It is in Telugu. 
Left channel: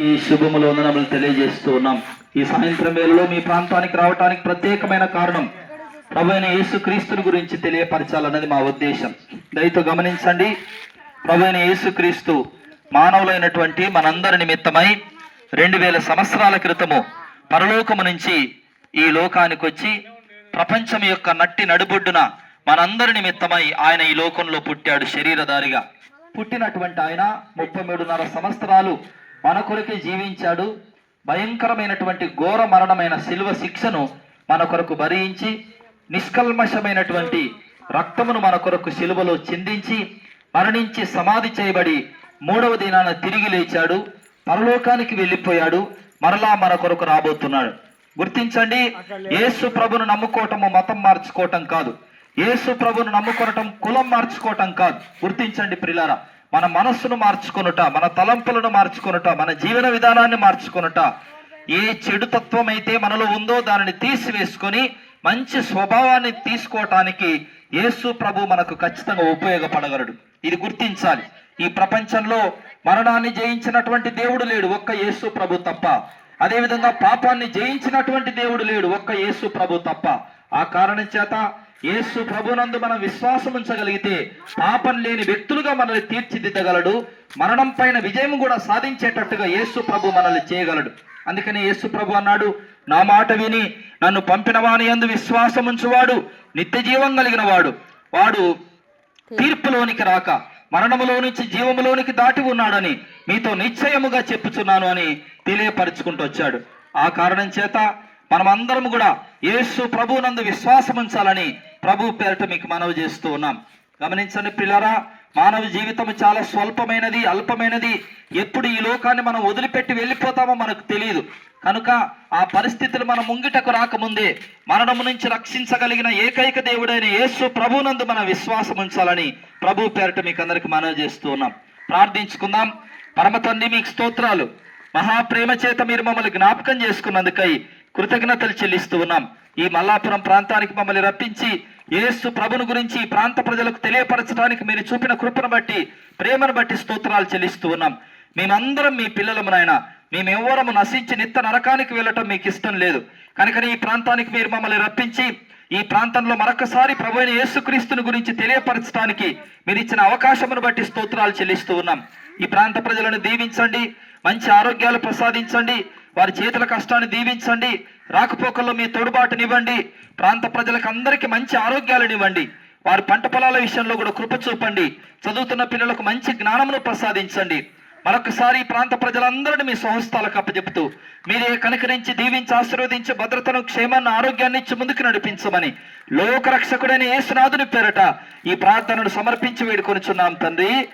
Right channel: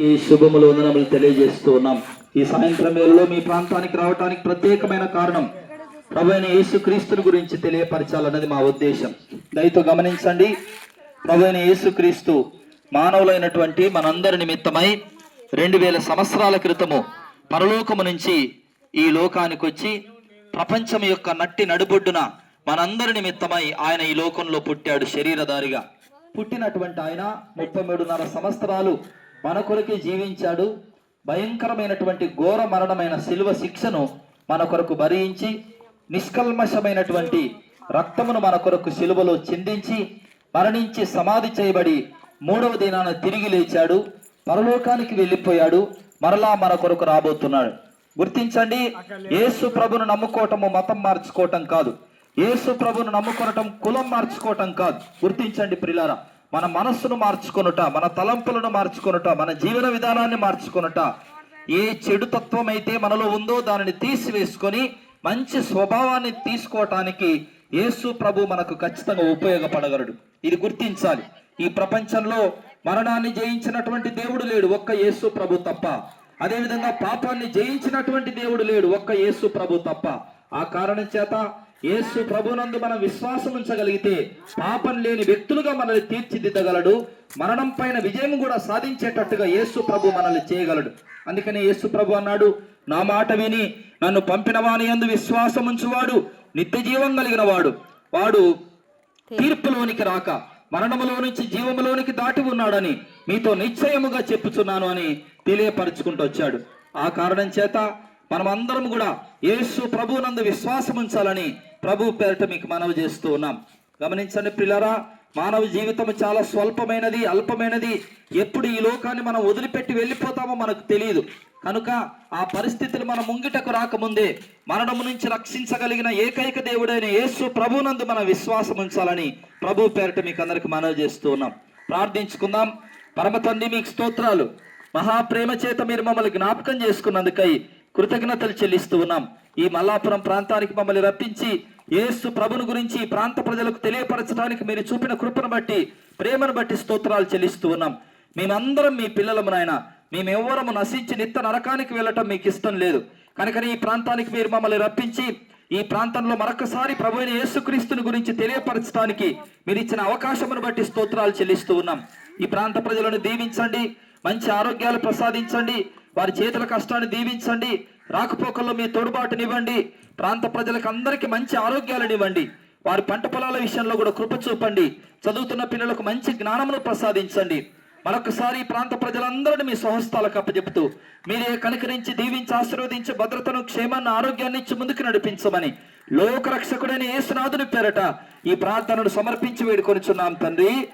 ఈ శుభములు వందనములు తెలియజేస్తూ ఉన్నాం. ఈ సాయంత్రం వేళలో మీ ప్రాంతానికి రావడానికి ప్రత్యేకమైన కారణం ప్రభు యేసు క్రీస్తుని గురించి తెలియపరచాలన్నది మా ఉద్దేశం. దయతో గమనించండి ప్రభు అయిన యేసు క్రీస్తు మానవులైనటువంటి మనందరి నిమిత్తమై రెండు వేల సంవత్సరాల క్రితము పరలోకము నుంచి ఈ లోకానికి వచ్చి ప్రపంచం యొక్క నట్టి నడుబొడ్డున మనందరి నిమిత్తమై ఆయన ఈ లోకంలో పుట్టాడు శరీరధారిగా. పుట్టినటువంటి ఆయన ముప్పై మూడున్నర సంవత్సరాలు మన కొరకే జీవించాడు. భయంకరమైనటువంటి ఘోర మరణమైన శిలువ శిక్షను మన కొరకు భరించి నిష్కల్మషమైనటువంటి రక్తమును మన కొరకు శిలువలో చిందించి మరణించి సమాధి చేయబడి మూడవ దినాన తిరిగి లేచాడు. పరలోకానికి వెళ్ళిపోయాడు. మరలా మన కొరకు రాబోతున్నాడు. గుర్తించండి యేసు ప్రభును నమ్ముకోవటము మతం మార్చుకోవటం కాదు. యేసు ప్రభును నమ్ముకోవటం కులం మార్చుకోవటం కాదు. గుర్తించండి ప్రిలారా మన మనస్సును మార్చుకొనుట మన తలంపులను మార్చుకొనుట మన జీవన విధానాన్ని మార్చుకొనుట ఏ చెడు తత్వం అయితే మనలో ఉందో దానిని తీసివేసుకొని మంచి స్వభావాన్ని తీసుకోవటానికి యేసు ప్రభు మనకు ఖచ్చితంగా ఉపయోగపడగలడు. ఇది గుర్తించాలి. ఈ ప్రపంచంలో మరణాన్ని జయించినటువంటి దేవుడు లేడు ఒక్క యేసు ప్రభు తప్ప. అదేవిధంగా పాపాన్ని జయించినటువంటి దేవుడు లేడు ఒక్క యేసు ప్రభు తప్ప. ఆ కారణం చేత యేసు ప్రభునందు మనం విశ్వాసం ఉంచగలిగితే పాపం లేని వ్యక్తులుగా మనల్ని తీర్చిదిద్దగలడు. మరణం పైన విజయం కూడా సాధించేటట్టుగా యేసు ప్రభు మనల్ని చేయగలడు. అందుకని యేసు ప్రభు అన్నాడు నా మాట విని నన్ను పంపిన వాని యందు విశ్వాసం ఉంచువాడు నిత్య జీవం కలిగిన వాడు వాడు తీర్పులోనికి రాక మరణములో నుంచి జీవములోనికి దాటి ఉన్నాడని మీతో నిశ్చయముగా చెప్పుచున్నాను అని తెలియపరుచుకుంటూ వచ్చాడు. ఆ కారణం చేత మనమందరం కూడా యేసు ప్రభునందు విశ్వాసం ఉంచాలని ప్రభు పేరిట మీకు మనవి చేస్తూ ఉన్నాం. గమనించండి పిల్లరా మానవ జీవితం చాలా స్వల్పమైనది అల్పమైనది. ఎప్పుడు ఈ లోకాన్ని మనం వదిలిపెట్టి వెళ్ళిపోతామో మనకు తెలియదు. కనుక ఆ పరిస్థితులు మన ముంగిటకు రాకముందే మరణము నుంచి రక్షించగలిగిన ఏకైక దేవుడైన యేసు ప్రభునందు మన విశ్వాసం ఉంచాలని ప్రభు పేరిట మీకు అందరికి మనవి చేస్తూ ఉన్నాం. ప్రార్థించుకుందాం. పరమ తండ్రి మీకు స్తోత్రాలు. మహాప్రేమ చేత మీరు మమ్మల్ని జ్ఞాపకం చేసుకున్నందుకై కృతజ్ఞతలు చెల్లిస్తూ ఉన్నాం. ఈ మల్లాపురం ప్రాంతానికి మమ్మల్ని రప్పించి యేసు ప్రభుని గురించి ఈ ప్రాంత ప్రజలకు తెలియపరచడానికి మీరు చూపిన కృపను బట్టి ప్రేమను బట్టి స్తోత్రాలు చెల్లిస్తూ ఉన్నాం. మేమందరం మీ పిల్లలము నాయన. మేమెవ్వరము నశించి నిత్య నరకానికి వెళ్ళటం మీకు ఇష్టం లేదు. కనుక ఈ ప్రాంతానికి మీరు మమ్మల్ని రప్పించి ఈ ప్రాంతంలో మరొకసారి ప్రభు అయిన యేసుక్రీస్తుని గురించి తెలియపరచడానికి మీరు ఇచ్చిన అవకాశమును బట్టి స్తోత్రాలు చెల్లిస్తూ ఉన్నాం. ఈ ప్రాంత ప్రజలను దీవించండి మంచి ఆరోగ్యాలు ప్రసాదించండి వారి చేతుల కష్టాన్ని దీవించండి. రాకపోకల్లో మీ తోడుబాటునివ్వండి. ప్రాంత ప్రజలకు అందరికీ మంచి ఆరోగ్యాలను ఇవ్వండి. వారి పంట పొలాల విషయంలో కూడా కృప చూపండి. చదువుతున్న పిల్లలకు మంచి జ్ఞానమును ప్రసాదించండి. మరొకసారి ఈ ప్రాంత ప్రజలందరినీ మీ స్వహస్తాలకు అప్పచెప్తూ మీరే కనుకరించి దీవించి ఆశీర్వదించి భద్రతను క్షేమాన్ని ఆరోగ్యాన్ని ఇచ్చి ముందుకు నడిపించమని లోకరక్షకుడైన యేసునాథుని పేరట ఈ ప్రార్థనను సమర్పించి వేడుకొనిచున్నాం తండ్రి.